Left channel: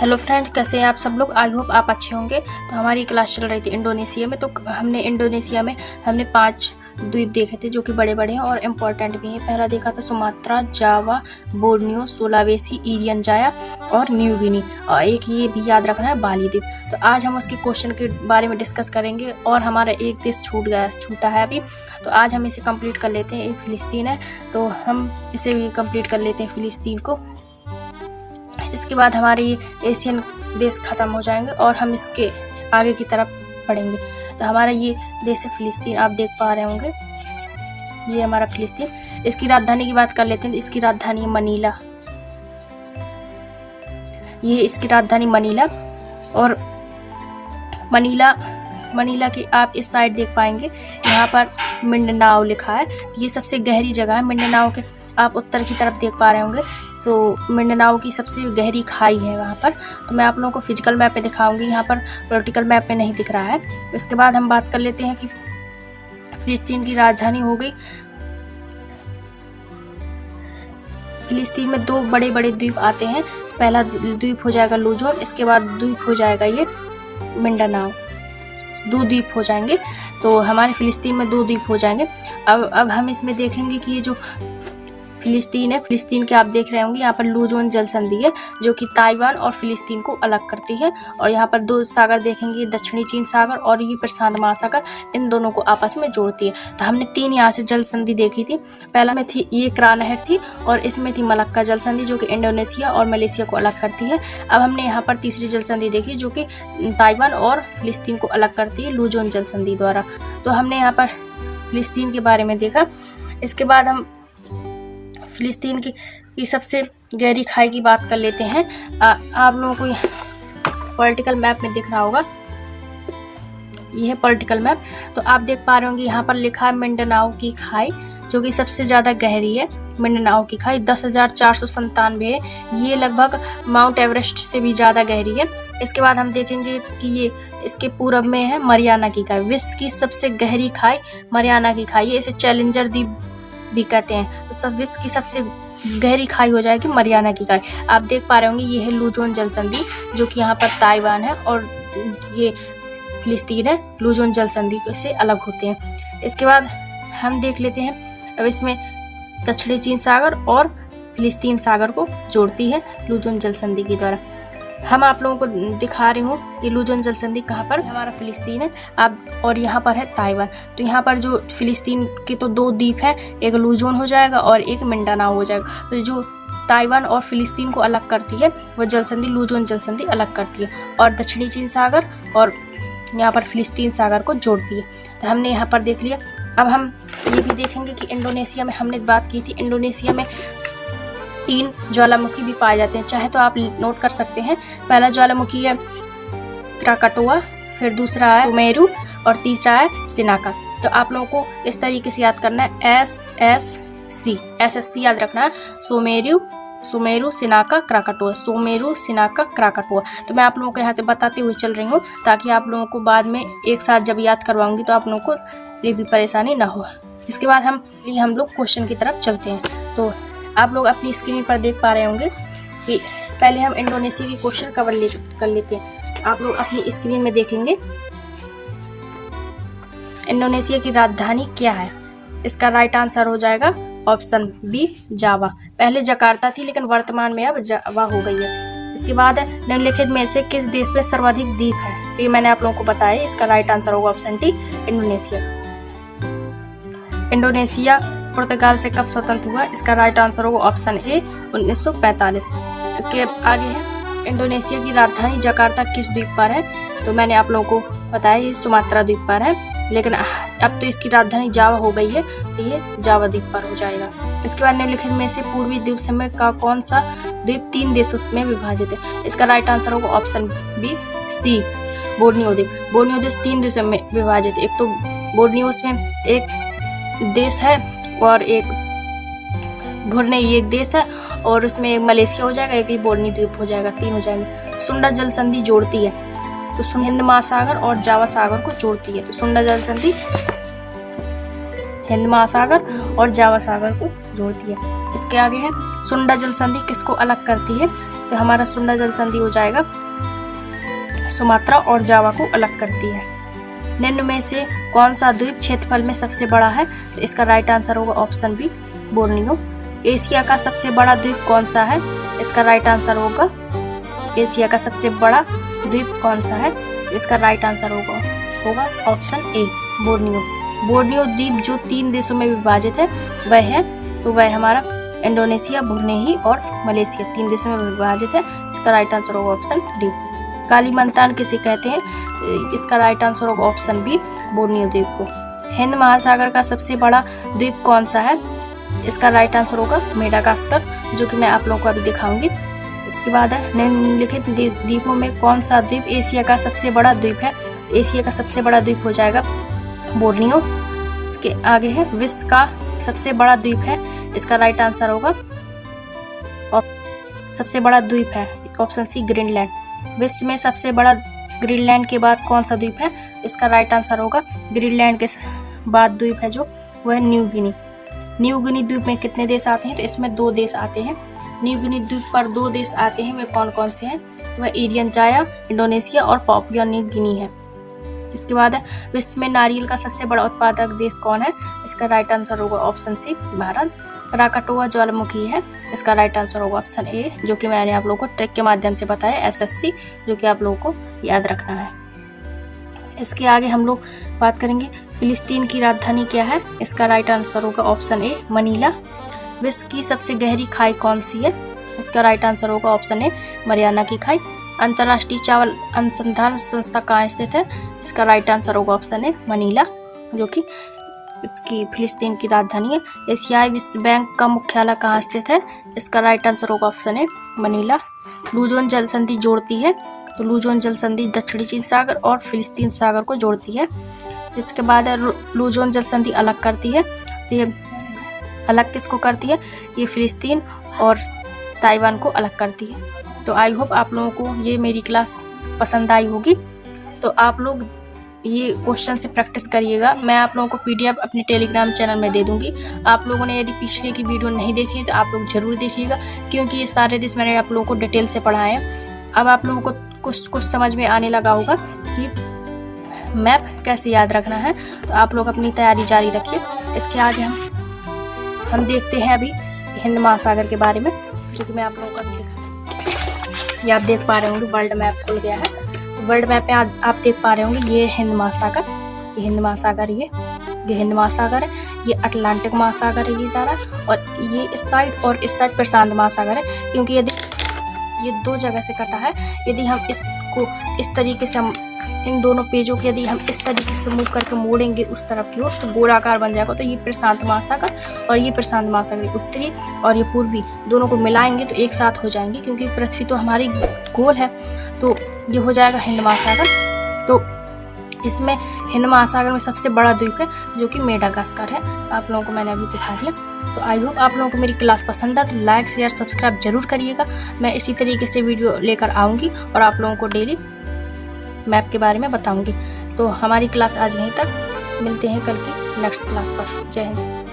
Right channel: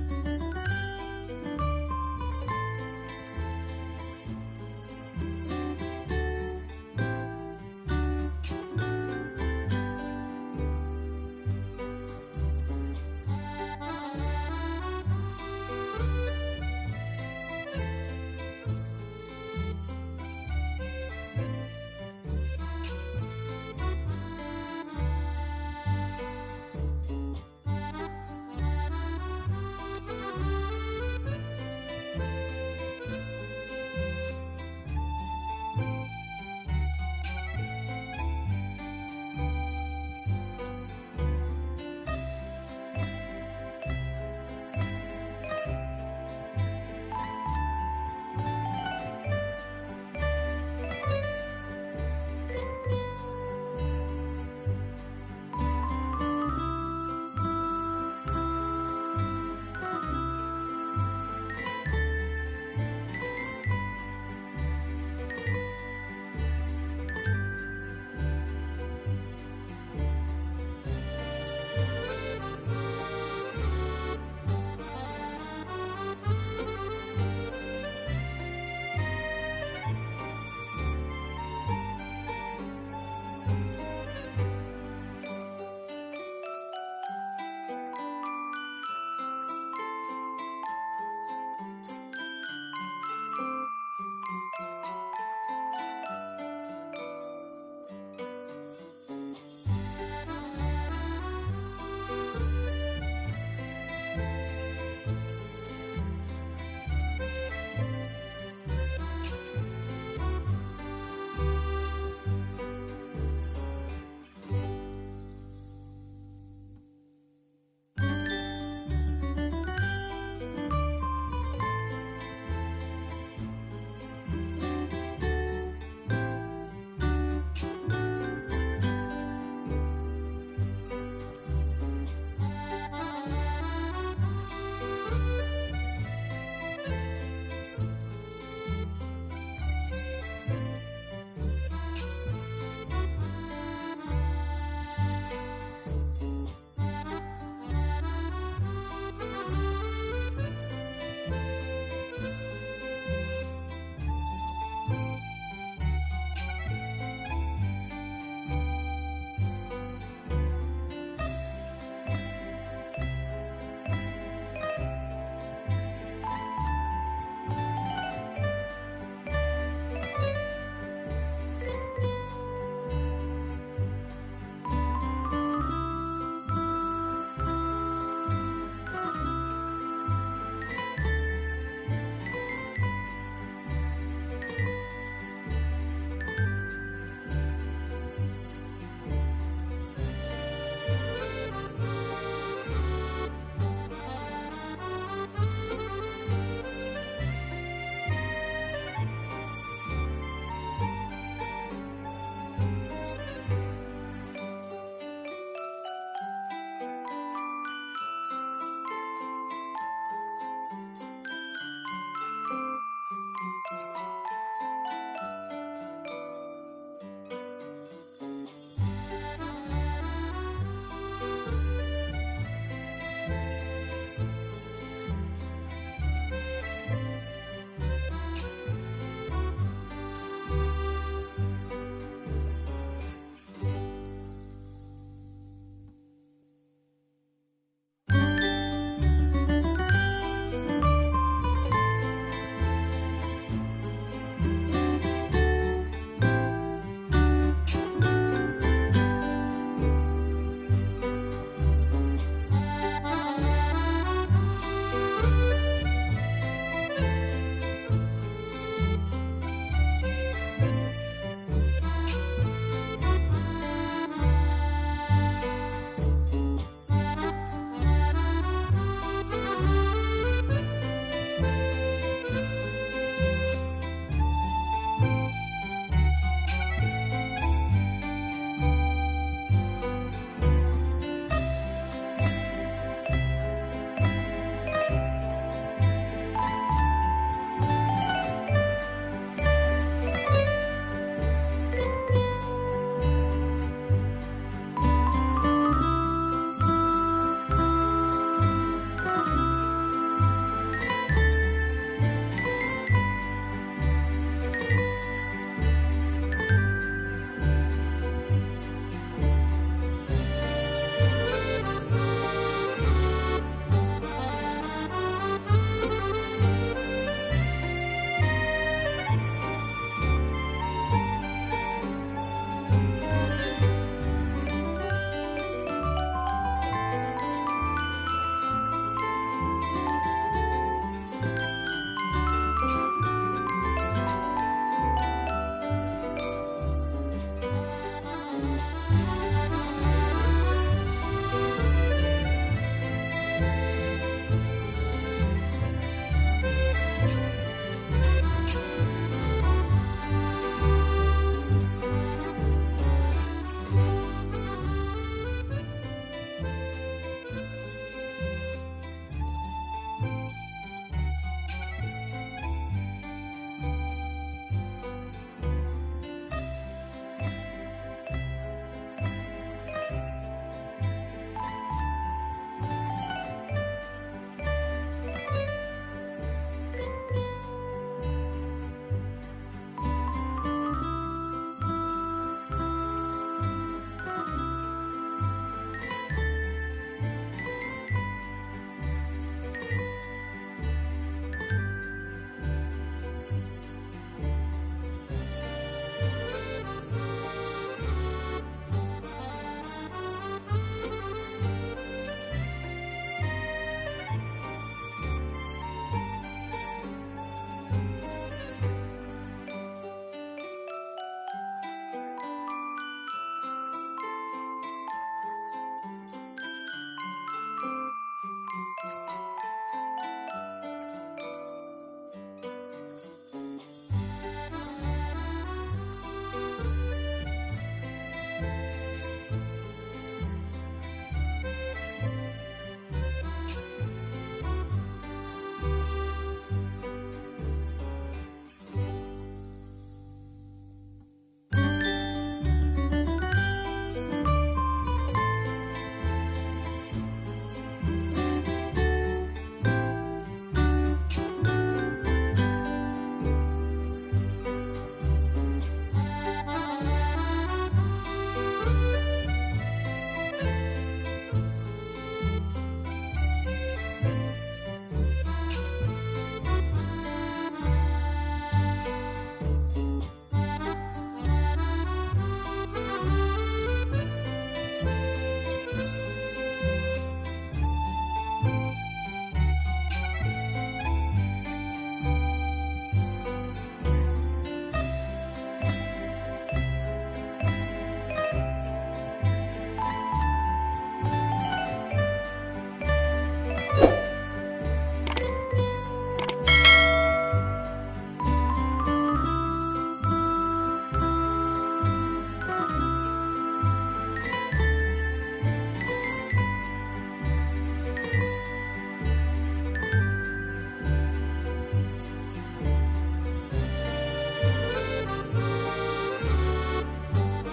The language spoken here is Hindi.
हेलो फ्रेंड्स, कैसे हैं आप सब लोग। आई होप आप अच्छे होंगे। तो हमारी क्लास चल रही थी इंडोनेशिया में। तो हमने इंडोनेशिया में 5 द्वीप देखे थे जो कि बड़े बड़े हैं और इम्पोर्टेंट भी हैं। पहला देखा था सुमात्रा, जावा, बोर्नियो, सुलावेसी, ईरियन जाया और न्यू गिनी। और एक ये भी याद रखना है, बाली द्वीप। तो आज हम उसके क्वेश्चन के बारे में डिस्कस करेंगे। और हमारा एक देश छूटा है अभी, तो आज हम इसे कंप्लीट कर लेते हैं। एक फिलिस्तीन है, तो हम इसे भी कंप्लीट कर लेते हैं, फिलिस्तीन को। इसके बाद हमारे एशियन देश ख़त्म हो जाएंगे और हम इसके आगे की तरफ बढ़ेंगे। तो हमारा ये देश है फिलिस्तीन, आप देख पा रहे होंगे, ये हमारा फिलिस्तीन। इसकी राजधानी की बात कर लेते हैं। तो इसकी राजधानी मनीला, ये इसकी राजधानी मनीला। और मनीला की आप इस साइड देख पाएंगे, यहाँ पर मिंडनाओ लिखा है। ये सबसे गहरी जगह है। मिंडनाओ के आप उत्तर की तरफ देख पा रहे होंगे, तो मिंडनाओ की सबसे गहरी खाई है वहाँ पर। तो मैं आप लोगों को फिजिकल मैप पे दिखाऊंगी, यहाँ पर पॉलिटिकल मैप पे नहीं दिख रहा है। इसके बाद हम बात कर लेते हैं कि फिलिस्तीन की राजधानी हो गई। फिलिस्तीन में 2 बड़े बड़े द्वीप आते हैं। पहला द्वीप हो जाएगा लुजोन, इसके बाद द्वीप हो जाएगा ये मिंडनाओ। 2 द्वीप हो जाएंगे। तो हमारे फिलिस्तीन में 2 द्वीप हो जाएंगे। अब हम इसमें देखेंगे कि ये जो फिलिस्तीन है, फिलिस्तीन के आप देख रहे होंगे, यहाँ पर लुजोन जल संधि है जो कि ताइवान और फिलिस्तीन को अलग करती है। और यहाँ पर 2 सागर देखेंगे, दक्षिणी चीन सागर और ये प्रशांत महासागर, इन दोनों को आपस में जोड़ती है। तो हमने 3 यहाँ से जल संधि देखी थी। पहला में थी ये क्रा नहर थी, और इसमें थी मलक्का जल संधि जो कि इंडोनेशिया और मलेशिया को अलग करती है। अब हमने यहाँ पर तीसरी जल संधि देखी जो कि ताइवान और फिलिस्तीन को अलग करती है, लुजोन जल संधि द्वारा। तो हमने यहाँ पर फिलिस्तीन के बारे में देखा। इसके बाद हम फिलिस्तीन की सबसे गहरी खाई की बात कर लेते हैं। आप लोगों को पॉलिटिकल मैप में दिख रहा होगा, ये है पॉलिटिकल मैप। तो आप देख पा रहे होंगे, यहाँ पर लिखा है मिंडनाओ की खाई जो कि सबसे ज़्यादा गहरी है। मिंडनाओ की खाई 10,497 है। ये लगभग माउंट एवरेस्ट से भी ज़्यादा गहरी है। इसके बाद हम देखेंगे कि ये इसके पूरब में है मरियाना की खाई। विश्व की सबसे गहरी खाई मरियाना की खाई है। इसे चैलेंजर द्वीप भी कहते हैं। तो सब विश्व की सबसे गहरी खाई हो जाएगी मरियाना की खाई। आप देख पा रहे होंगे, ये है लुजोन जल संधि जो कि यहाँ पर ताइवान है, और ये फिलिस्तीन है। लुजोन जल संधि से अलग होते हैं। इसके बाद हम देख लेते हैं, अब इसमें दक्षिणी चीन सागर और फिलिस्तीन सागर को जोड़ती है लुजोन जल संधि के द्वारा। हम आप लोगों को दिखा रही हूँ ये लुजोन जल संधि कहाँ पर, हमारा फिलिस्तीन है आप, और यहाँ पर है ताइवान। तो यहाँ पर जो फिलिस्तीन के तो 2 द्वीप है, एक लुजोन हो जाएगा और एक मिंडनाओ हो जाएगा। तो जो ताइवान और फिलिस्तीन को अलग करती है वो जल संधि लुजोन जल संधि अलग करती है, और दक्षिणी चीन सागर और यहाँ पर फिलिस्तीन सागर को जोड़ती है। तो हमने यहाँ पर देख लिया। अब हम ये भी देखेंगे कि इंडोनेशिया में हमने बात की थी, इंडोनेशिया में 3 ज्वालामुखी भी पाए जाते हैं, चाहे तो आप नोट कर सकते हैं। पहला ज्वालामुखी है क्राकाटोआ, फिर दूसरा है सुमेरु और तीसरा है सिनाका। तो आप लोगों को इस तरीके से याद करना है, SSC याद रखना है। सुमेरु सिनाका क्राकाटोआ, सुमेरु सिनाका क्राकाटोआ। तो मैं आप लोगों को यहाँ से बताते हुए चल रही हूँ, ताकि आप लोगों को बाद में एक साथ जब याद करवाऊंगी तो आप लोगों को ये भी परेशानी ना हो। इसके बाद हम लोग क्वेश्चन की तरफ चलते हैं। तो आप लोग अपनी स्क्रीन पर देख पा रहे होंगे कि पहले हम इंडोनेशिया की क्वेश्चन कर लेते हैं। आप लोग अपनी स्क्रीन में देखेंगे, इंडोनेशिया की राजधानी क्या है। इसका राइट आंसर हो जाएगा ऑप्शन बी, जावा। पहले जकार्ता थी, लेकिन वर्तमान में अब जावा हो गई है। इसके बाद निम्नलिखित में से किस देश में सर्वाधिक द्वीप है। तो ये मैंने आप लोगों को बताया। इसका राइट आंसर होगा ऑप्शन डी, इंडोनेशिया। इंडोनेशिया पुर्तगाल से कब स्वतंत्र हुआ। इसका राइट आंसर होगा ऑप्शन ए, 1945। इसके आगे है, इंडोनेशिया की राजधानी जकार्ता किस द्वीप पर है। तो मैंने आप लोगों को बताया ये सुमात्रा द्वीप पर है, लेकिन अब तो इसकी राजधानी जावा हो गई है, तो ये जावा द्वीप पर हो जाएगा। इसके बाद निम्नलिखित में से पूर्वी द्वीप समूह का कौन सा द्वीप 3 देशों में विभाजित है। इसका राइट आंसर होगा ऑप्शन बी, सी, बोर्नियो द्वीप। बोर्नियो द्वीप 3 देशों में विभाजित है। एक तो बोर्नियो में एक देश है, और एक भुरनेई एक देश है, और उसमें मलेशिया हो जाएगा, एक बोर्नियो द्वीप हो जाएगा, 3 हो जाएंगे। सुंडा जल संधि जोड़ती है, तो हिंद महासागर और जावा सागर को जोड़ती है। तो सुंडा जल संधि हिंद महासागर और जावा सागर को जोड़ती है। इसके आगे है, सुंडा जल संधि किसको अलग करती है। तो हमारा सुंडा जल संधि हो जाएगा सुमात्रा और जावा को अलग करती है। निम्न में से कौन सा द्वीप क्षेत्रफल में सबसे बड़ा है? तो इसका राइट आंसर होगा ऑप्शन बी बोर्नियो। एशिया का सबसे बड़ा द्वीप कौन सा है? इसका राइट आंसर होगा एशिया का सबसे बड़ा द्वीप कौन सा है? इसका राइट आंसर होगा ऑप्शन ए बोर्नियो। बोर्नियो द्वीप जो 3 देशों में विभाजित है वह हमारा इंडोनेशिया, ब्रुनेई और मलेशिया 3 देशों में विभाजित है। इसका राइट आंसर होगा ऑप्शन डी। कालीमंतान किसे कहते हैं? इसका राइट आंसर होगा ऑप्शन बी बोर्नियो द्वीप को। हिंद महासागर का सबसे बड़ा द्वीप कौन सा है? इसका राइट आंसर होगा मेडागास्कर, जो कि मैं आप लोगों को अभी दिखाऊंगी। इसके बाद है निम्नलिखित द्वीपों में कौन सा द्वीप एशिया का सबसे बड़ा द्वीप है? एशिया का सबसे बड़ा द्वीप हो जाएगा बोर्नियो। इसके आगे है विश्व का सबसे बड़ा द्वीप है। इसका राइट आंसर होगा सबसे बड़ा द्वीप है ऑप्शन सी ग्रीनलैंड। विश्व में सबसे बड़ा ग्रीनलैंड के बाद कौन सा द्वीप है? इसका राइट आंसर होगा ग्रीनलैंड के बाद द्वीप है जो वह न्यू गिनी। न्यू गिनी द्वीप में कितने देश आते हैं? तो इसमें 2 देश आते हैं। न्यू गिनी द्वीप पर 2 देश आते हैं, वे कौन कौन से हैं? तो वह एरियन जाया इंडोनेशिया और पापुआ न्यू गिनी है। इसके बाद है विश्व में नारियल का सबसे बड़ा उत्पादक देश कौन है? इसका राइट आंसर होगा ऑप्शन सी भारत। क्राकाटोआ ज्वालामुखी है। इसका राइट आंसर होगा ऑप्शन ए, जो कि मैंने आप लोगों को ट्रिक के माध्यम से बताया SSC, जो कि आप लोगों को याद रखना है। इसके आगे हम लोग बात करेंगे फिलिस्तीन की राजधानी क्या है? इसका राइट आंसर होगा ऑप्शन ए मनीला। विश्व की सबसे गहरी खाई कौन सी है? इसका राइट आंसर होगा ऑप्शन ए मरियाना की खाई। अंतर्राष्ट्रीय चावल अनुसंधान संस्था कहाँ स्थित है? इसका राइट आंसर होगा ऑप्शन ए मनीला, जो कि इसकी फिलिस्तीन की राजधानी है। एशियाई विश्व बैंक का मुख्यालय कहाँ स्थित है? इसका राइट आंसर होगा ऑप्शन ए मनीला। लूजोन जल संधि जोड़ती है, तो लूजोन जल संधि दक्षिणी चीन सागर और फिलिस्तीन सागर को जोड़ती है। इसके बाद लूजोन जल संधि अलग करती है, तो ये अलग किसको करती है? ये फिलिस्तीन और ताइवान को अलग करती है। तो आई होप आप लोगों को ये मेरी क्लास पसंद आई होगी। तो आप लोग ये क्वेश्चन से प्रैक्टिस करिएगा। मैं आप लोगों को PDF अपने टेलीग्राम चैनल में दे दूंगी। आप लोगों ने यदि पिछले की वीडियो नहीं देखी है तो आप लोग जरूर देखिएगा, क्योंकि ये सारे देश मैंने आप लोगों को डिटेल से पढ़ाए हैं। अब आप लोगों को कुछ समझ में आने लगा होगा कि मैप कैसे याद रखना है। तो आप लोग अपनी तैयारी जारी रखिए। इसके आगे हम देखते हैं अभी हिंद महासागर के बारे में, जो कि मैं आप लोगों को ये आप देख पा रहे होंगे वर्ल्ड मैप खुल गया है। तो वर्ल्ड मैप में आप देख पा रहे होंगे ये हिंद महासागर, ये हिंद महासागर, ये हिंद महासागर है, ये अटलांटिक महासागर है ये जा रहा है, और ये इस साइड और इस साइड प्रशांत महासागर है। क्योंकि यदि ये 2 जगह से कटा है, यदि हम इसको इस तरीके से इन दोनों पेजों को यदि हम इस तरीके से मूव करके मोड़ेंगे उस तरफ की ओर, तो गोलाकार बन जाएगा। तो ये प्रशांत महासागर और ये प्रशांत महासागर, उत्तरी और ये पूर्वी, दोनों को मिलाएंगे तो एक साथ हो जाएंगे। क्योंकि पृथ्वी तो हमारी गोल है, तो ये हो जाएगा हिंद महासागर। तो इसमें हिंद महासागर में सबसे बड़ा द्वीप है जो कि मेडागास्कर है। आप लोगों को मैंने अभी दिखा दिया। तो आई होप आप लोगों को मेरी क्लास पसंद है, तो लाइक शेयर सब्सक्राइब जरूर करिएगा। मैं इसी तरीके से वीडियो लेकर आऊँगी और आप लोगों को डेली मैप के बारे में बताऊंगी। तो हमारी क्लास आज यहीं तक, मिलते हैं कल की नेक्स्ट क्लास पर। जय हिंद।